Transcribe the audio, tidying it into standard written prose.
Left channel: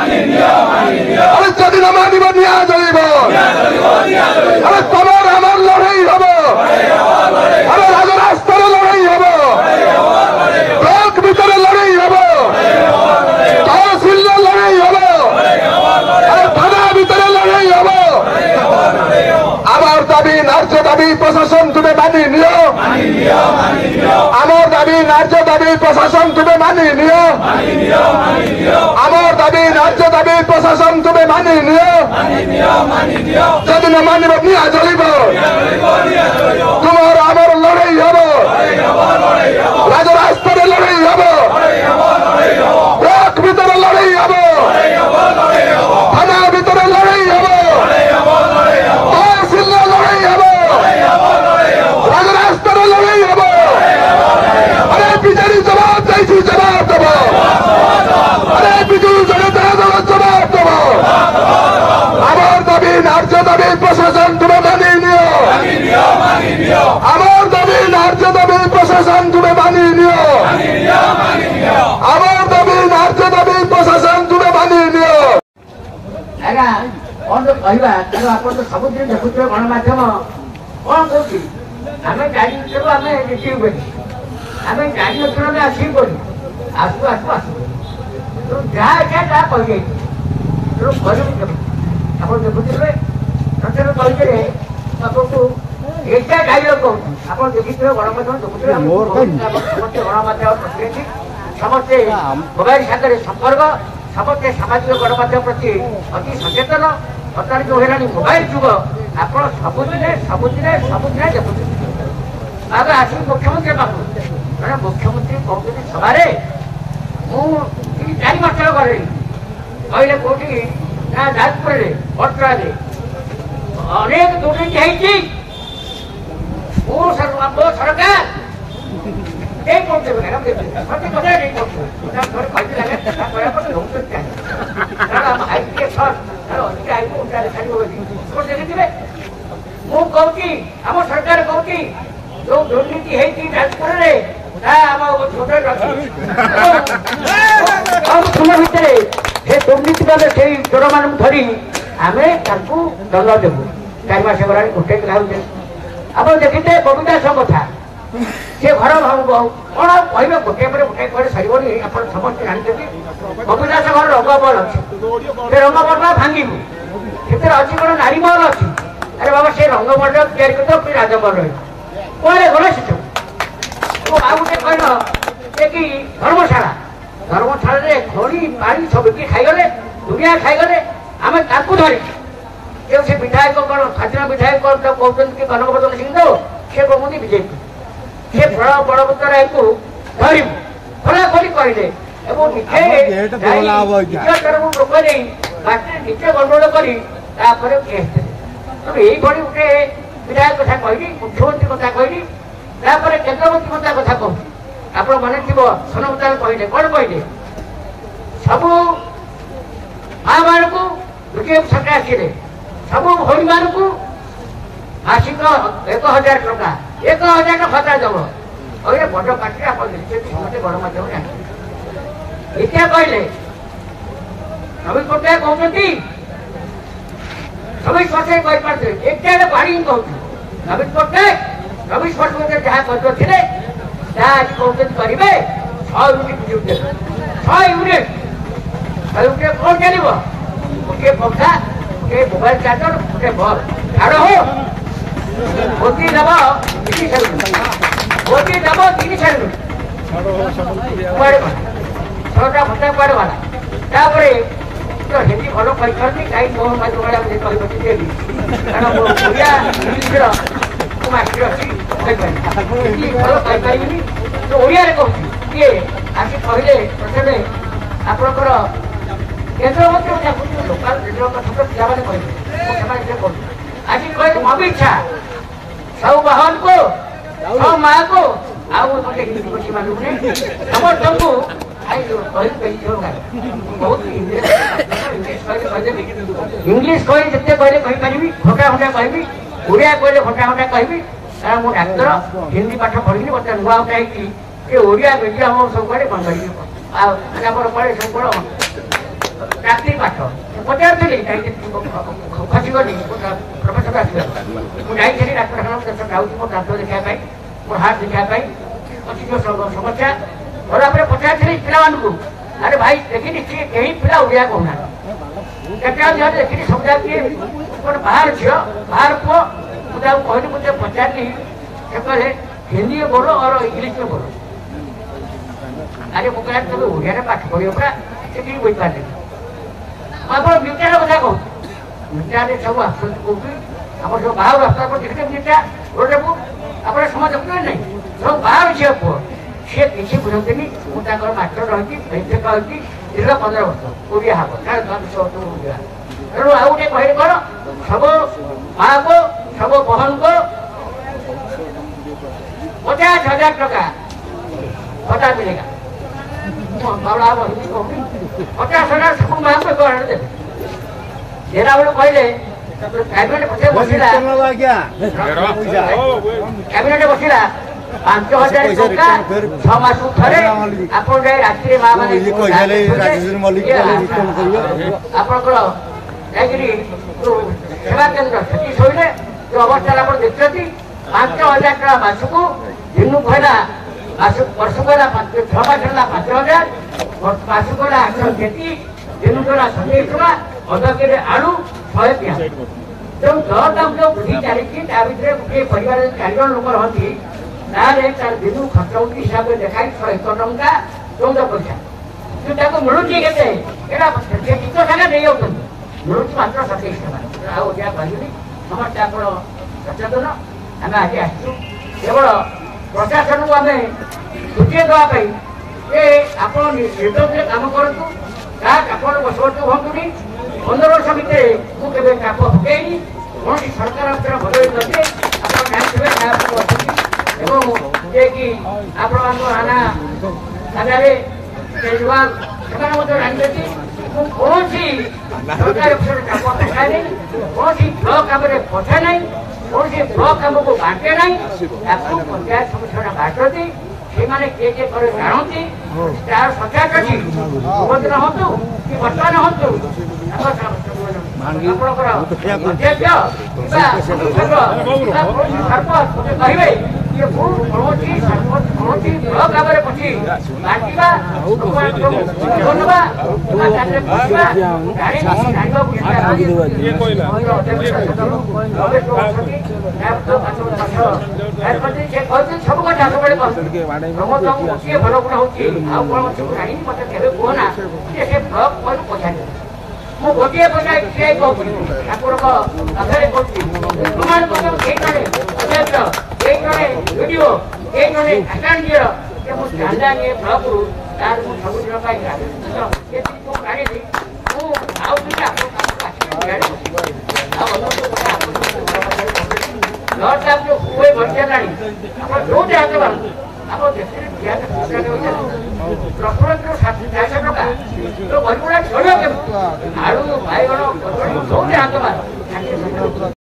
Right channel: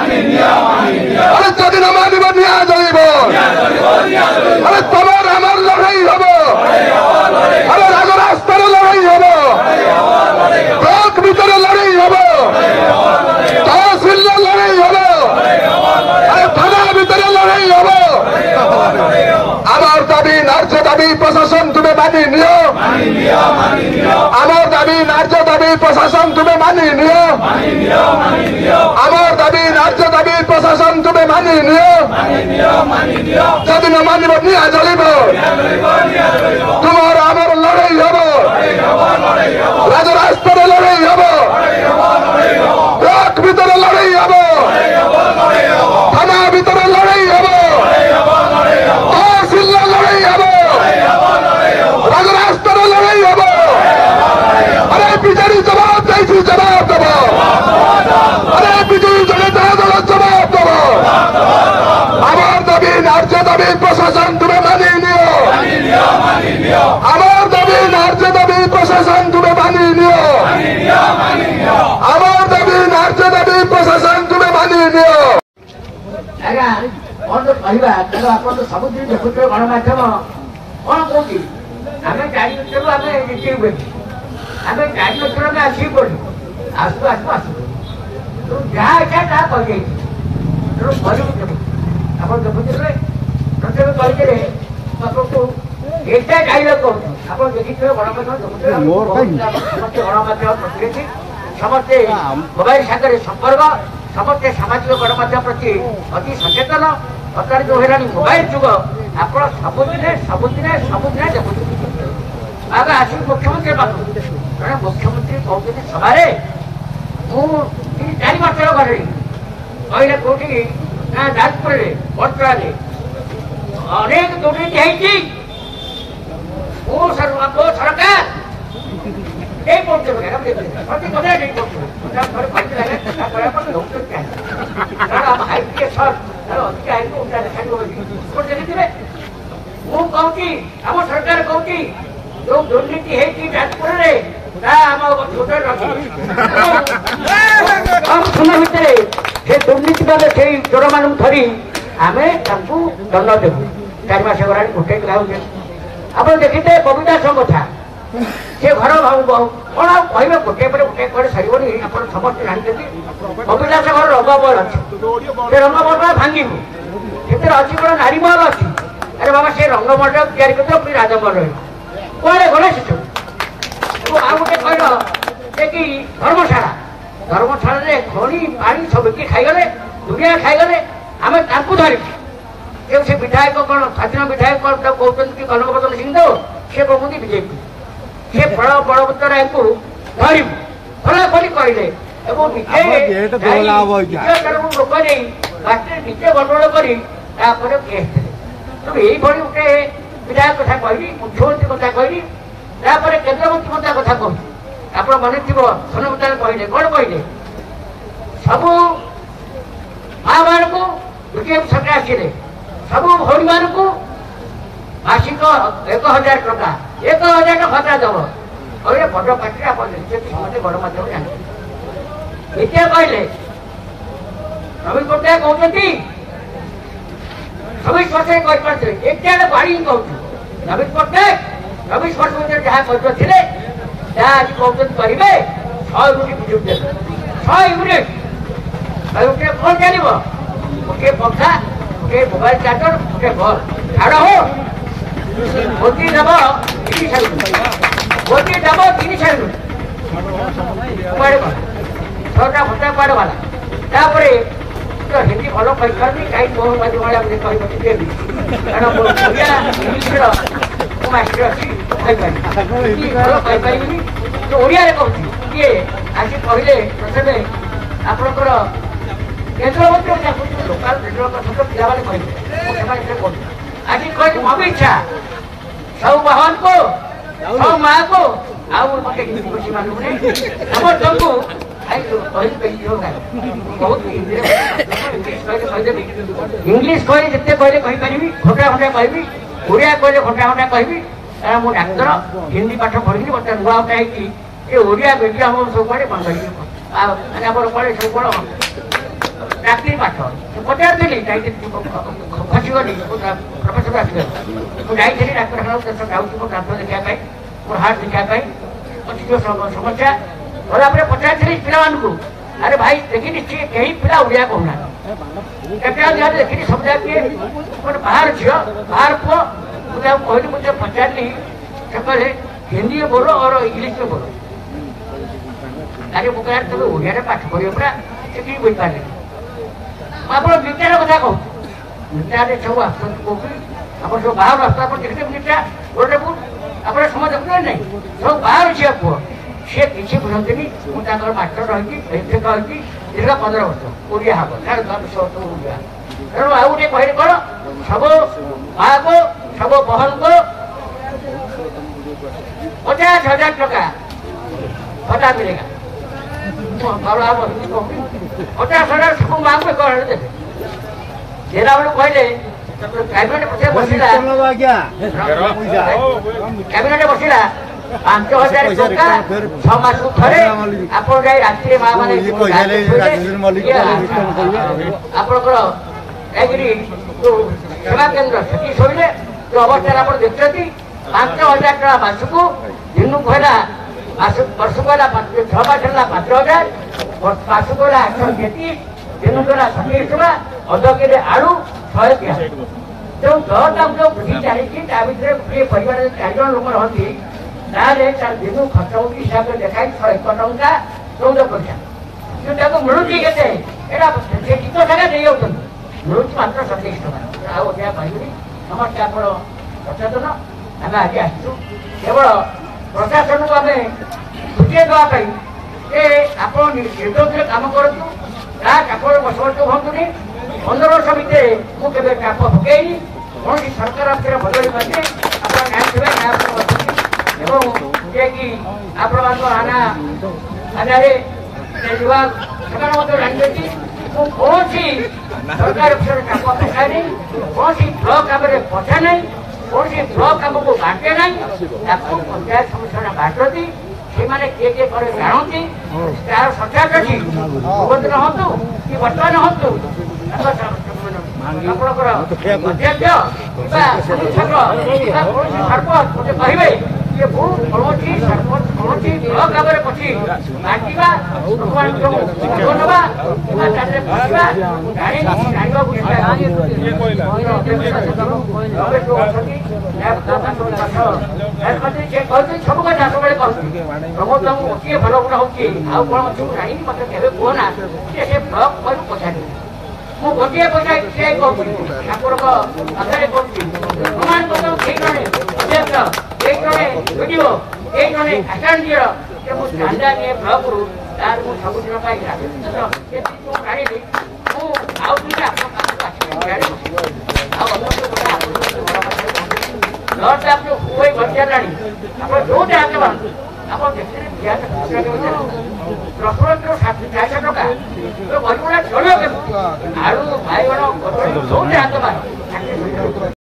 আরে যদি না মানিব নিয়ে যাইব আরে তোমার আমার লড়াই হব আরে রাজরাস্তার লড়াই হব ব্লক ভিতরে লড়াই হব তহসিলের লড়াই হব আরে থানা ভিতরে লড়াই হব আমার দাবি ন্যায্য দাবি প্রশাসন তুমি মানি নিও আমার দাবি ন্যায্য দাবি প্রশাসন তুমি মানি নিও আমার দাবি ন্যায্য দাবি প্রশাসন তুমি মানি নিও যদি না মানিব নিয়ে চলিব তোমার আমার লড়াই হব রাজরাস্তায় লড়াই হব ব্লক ভিতরে লড়াই হব থানার ভিতরে লড়াই হব তহসিলের লড়াই হব রাজরাস্তার লড়াই হব আরে বিজেপি জবাব চাইছি জবাব দেব আরে বিজেপি জনতা দল জবাব দেব আমার দাবি ন্যায্য দাবি প্রশাসন তুমি মানি নিও আমার দাবি ন্যায্য দাবি প্রশাসন তুমি মানি নিও আমার দাবি ন্যায্য দাবি প্রশাসন তুমি মানি নিও ଆଜ୍ଞା କଣ କହିବା ତେଣୁ ଆପଣ ତ ସବୁଦିନ ଦେଖୁଥିବେ ଗଣମାଧ୍ୟମ କଣ କହୁଛି ଆମେ 4 ଲକ୍ଷରୁ ଆମେ ରିସିଭ୍ କରିଛୁ ଆମେ 4 ଲକ୍ଷରୁ ଆମେ ଆସିବୁ କରୁ ଆସୁ ଆସୁ ଆସୁ ତେଣୁ ଯାହା ଇଚ୍ଛା ତାହା କହିଯାଇଛି ତେଣୁ କରିବୁ କେବେ ଆପଣ ଦେଖୁଥିବେ ପ୍ରତ୍ୟେକ ତରିକାରେ ଆପଣଙ୍କୁ ଏଇଟା ଗାଇବାକୁ କହୁଛୁ ଆପଣ ଦେଖିଥିବେ ଗଣମାଧ୍ୟମ ଦେଖୁଥିବେ ସମସ୍ତେ ଗଣମାଧ୍ୟମ ପ୍ରତିନିଧି ସମସ୍ତେ ମୋବାଇଲ ସାଙ୍ଗରେ ସମ୍ପର୍କ ସମସ୍ତେ ସାମାଜିକ ଗଣମାଧ୍ୟମ ପ୍ରତି ଅତି ସଚେତନ ବର୍ତ୍ତମାନ ଯୋଉ ହେଲାଣି ମୋବାଇଲ ଯୁଗ ଆପଣ ସବୁଦିନେ ଦେଖୁଛନ୍ତି ବାବା ଆସିକି ମୁଖ୍ୟମନ୍ତ୍ରୀ ପାଖକୁ ଜଣେ ମୁଖ୍ୟମନ୍ତ୍ରୀ କହୁଛନ୍ତି ସଭାରେ ମୁଁ 4 ମାସର ଘରେ କହିଲେ କୋଉଠି ନା ଯାଜପୁରରେ ବଟ୍ରାରେ ଅନେକ ଦୁର୍ନୀତି ହେଇଛି ମୋ ସରକାର ମୁଁ କହୁଛି ଆମ ସରକାର କହୁଛି ଯୋଉ ଦୁର୍ନୀତି ହେଇଛି ଯାଜପୁରରେ ତାହା ଆମ ଛୋଟରେ ରଖିଛି ଭିତରେ ସେ ଦୁର୍ନୀତି କଲେ ସେଇ ଚୋରମାନଙ୍କୁ ଧରି ଆମେ ତାଙ୍କୁ ଦଣ୍ଡ ଦେବୁ 4 ମାସ ଗଲାଣି ଗୋଟେ ଲାଗୁଛେ ଆପଣ ଦେଖିଥିବେ ବବିଦାସ କଥା ସେ ଘର କଣ ଆଉ କହିବେ ଗୋଟିଏ ପରେ ଗୋଟିଏ ପରେ ସରିବନି ଆପଣ ସମସ୍ତେ ଜାଣିଛନ୍ତି ବବିଦାସ ଘର ରଙ୍ଗମହଲ ଅଛି ସେ ରଙ୍ଗମହଲ ଭାଙ୍ଗିବୁ ସେଥିରେ ଅଛି କଣ ନାରୀ ମହଲ ଅଛି ଆରେ ବାବା ସେ ରଙ୍ଗମହଲ ତିଆରି କରିଦେବ ପୁଣି ରାଜମହଲ କୁଆଡେ ଗଲେ ସେସବୁ ଆଉ ଗୋଟେ କହିଲ ଯେ କି ଧର୍ମଶାଳାରେ ଖଣି ପାଣି ସବୁ କିଏ ଖାଇଗଲେ ଦୁନିଆ ଖାଇଗଲେ ଆମେ ତାଙ୍କୁ ଧରିବୁ କେଉଁ ସେ ବିଧାୟକ କଣ ସ୍ୱାଧୀନ ବିଧାୟକ କହୁଛନ୍ତି କି କନକ ବଦଳ ସିଂ ଦେବ ସେ କହୁଛନ୍ତି ବିଜେପି ସେ ବଳବତ୍ତର ରାୟକୁ ଧରିବୁ ଖୋଲାଖୋଲି କହିଲେ ଏବଂ ଲୋକ ନେଇ ବାଟରେ ନିଜେ ଗଣ୍ଡଗୋଳ କରି ତାପରେ କେସ୍ ଦେଲେ ତେଣୁ ଏଇଭଳି ଗୋଟେ ବିଧାୟକ କଥା କହିଲି ମୁଖ୍ୟମନ୍ତ୍ରୀ କଥା କହିଲି ତାପରେ କେନ୍ଦ୍ରମନ୍ତ୍ରୀ କଥା କହୁଛି ଆପଣ ମନେ ଥିବ ସୋନମତାଲ କହିଲେ କଣ କହିଲେ ସବୁ ମାମାନଙ୍କୁ ବିଜେପି ସରକାର ଆସିଲେ ସବୁ ଭଉଣୀମାନଙ୍କୁ ମାସିକ 1000 ଟଙ୍କା 1000 ଖର୍ଚ୍ଚ ଦବ କହିଲେ ବଡ ପାର୍ଟିରେ ଆପଣ ଦେଖିଛନ୍ତି ସମସ୍ତେ ଗଣମାଧ୍ୟମ ଜାଣିଛନ୍ତି ଏତିଆ କହିଲେ ନବୀନ ପଟ୍ଟନାୟକ କହୁଛନ୍ତି 24 ବର୍ଷ କହିପାରୁଥିବେ ଏତେ ବାড়ି କହୁଛୁ ନବୀନ ପଟ୍ଟନାୟକ 24 ବର୍ଷ ମଧ୍ୟରେ ଯାହା କରିଥିଲେ ଯାହା ଆଜି କହୁଛନ୍ତି କରିବେ 6 ୟୁନିଟ୍ ବିଦ୍ୟୁତ୍ ଦେବେ 6 ୟୁନିଟ୍ କଣ ଚାଲିବ ଗୋଟିଏ ପଙ୍ଖା ଗୋଟିଏ ମୋବାଇଲ ଚାର୍ଜର ଗୋଟିଏ ବଲ୍ ଝାଡ଼ ହଉ ମୋଦି ଦେବ 30 ମୋଦି ଦେବ 30 କୁଆଡେ ଗଲା 6ଟା ଭତ୍ତା କୁଆଡେ ଗଲା ତାପରେ ହିନ୍ଦୀ ଭଲ କହିଥାନ୍ତି କାହିଁ ମୋହନ ମାଝୀ ଭଳିଆ କହିପାରି ଦେବି କାରଣ ମୋ ଓଡ଼ିଆ ଇଂଲିଶର ମୋ ମାଷ୍ଟର ଅଛି କହିପାରିବି ଭଲ କହିପାରିବିନି ତ ଓଡ଼ିଆରେ କହୁଛି କିଏ ଆଜି କହିଲେ ପ୍ରଥମେ ଆପଣଙ୍କର କେନ୍ଦ୍ରମନ୍ତ୍ରୀ ଡାକୁଛି ଲୋକାଲ ରେଡ଼ିଓ କଥା ପିଲାମାନେ କହିଲେ ସେମାନେ ସେ କହୁଛନ୍ତି ଆଜି କହିଲେ ଅମିତ ଶାହ ସବୁ ବାହନକୁ ସବୁ ମାଆକୁ ଆଉ ଗୋଟେ ହିନ୍ଦୀ ମାନଙ୍କୁ ସମସ୍ତଙ୍କୁ ଇଂଲିଶ କହି ଯେତେ କହିଲେ କହିପାରିବି ଘଣ୍ଟା ଘଣ୍ଟା କହିବି ଓଡ଼ିଆ କହିଲେ ଘଣ୍ଟା ଘଣ୍ଟା କହିବି କାରଣ ମୁଁ ଡାକ୍ତର ହିନ୍ଦୀ ପାଠ ପଢିଲି ମତେ ନୂଆ ଘଣ୍ଟା ହେଇକି ଏ ଓଡ଼ିଆ ମିଡିୟମ ସବୁ କୁଆଡେ କଣ କରିବି ଆଉ ଆମର କୁଆଡେ ସବୁ କଣ ଚାକିରି ପାଠ ପଚାରିଥିଲି ଯାଇଥିଲି ଖସିବନି ପ୍ରଫେସର ଆସିବ ମୁଁ ଯାଇଥିଲି ଡାକ୍ତରଖାନା ଯାଉଛି ମୋ ଦାନ୍ତ ଦେଖିବା ପାଇଁ ମୋ ହାର୍ଟ ଦେଖିବା ପାଇଁ ଅଛି ଯୋଉ ସମସ୍ୟା ଗଲା ପରେ ପଚାରିଥିଲି ପିଲାମାନଙ୍କୁ ଆରେ ଭାଇ ଦେଖିନି କେହି ପିଲା ଓଡ଼ିଆ କହୁନାହାନ୍ତି କେତେ ଦେଖିନି ସମୁଦାୟ କିଏ ଗୋଟେ ବାହାର ଝିଅ ବାହାର ପୁଅ ମୁଁ ତାକୁ କହିଲି ମୁଁ ତାକୁ ପଚାରିଲି ସେପଟେ ହିନ୍ଦୀ ବୋଲ और इंग्लिश में बोलो अरे वो कहा तुम ओडिया पाठ पढ़ियो परा सेठी बोई पारे आपण मिटार कथा कहू मिटारे सब आसन को आपण सब बाहर रास्ता पर देखते मिटा रोड को आपण समझ सकते नहीं सब बाहर छे को से किछि बुझंतनी मु ताकर मास्टर रही एते रही 15 वर्ष ओडिया हाबो तार 10 वर्ष ओडिया एरो आउटे कहै बड़ सब बागो सब बहन को 50,000 टका पता मिलेगा 50,000 सब मांग में कर दे जेरा वाले कहले कैबिनेट पछे बसिला कैबिनेट बसिला 5,000 टका 6 मास थरे आपण जाय रात्रि मा माने राजेश मल्लिक आपनकर एग्री सेवा केंद्र सेठी सोइले तो अवस्था आपण देखछथि 5,000 टका मासको दिनु भला मासक वर्षको 6 मास ହେଲା 5,000 मासको 833 दिनु भला समीक्षा अधकेरे आळु 100 तो घर दाम जो वृद्धि चालीछि ता भितरे गोटे परिवार 4 जण लोक रहନ୍ତି तारे तार दिनु खर्च हिसाब से देखाई 101 टंका 14 पैसा जो ताको मिलुछि केते एटा से कितो टाका देई होतन मिलुछि मात्र 27 टका आ ओडिया कहली हमर ताको सचेतन ଆମେ ଆଜି ଆସିଛୁ କେବଳ ପ୍ରଶାସନକୁ ଆମେ ସୂଚେଇ ଦେବା ପାଇଁ ଯେ ଆପଣ ନିର୍ଦ୍ଦୋଷରେ କାମ କରନ୍ତୁ କାହା ଚାପର ବସବାସ ହୁଅନ୍ତୁନି 15 ବର୍ଷ ଭିତରେ ମୁଁ କେବେ ଚାପ ପକେଇନି କୌଣସି ସରକାର ଭିତରେ ଭଲ ହେଇପାରେ ଆପଣ ଜାଣିଥିବେ କାହା ବସୁଛି ଏବଂ ଯିଏକି ଆପଣମାନଙ୍କ ଥାନାରେ କେଜରିୱାଲ ସେମାନେ ମଧ୍ୟ ଜାଣିଛନ୍ତି ମୁଁ କୌଣସି ସରକାର ଭିତରେ ଚାପ ପକାଏନି କୌଣସି ବ୍ଲକ କାମରେ ପଛା ନାହିଁ कौन ब्लॉक हमको बांटे नहीं पंचायत समिति बांटती से किए पर जानती तार सचा कटी सुभद्र हतु कि वर्तमान हतु कहे ये कौन ब्लॉक भाव पची बांटा सब कथा सब किए भल गुण हो जानी मत कहना से ब्लॉक पचार मु गोटे पैसा ठाकुर पाखे प्रमाण पत्र अध्यक्ष वीडियो आचार्य चांदा निये ब्लॉक रु तार सबुदिन प्रफुल्ल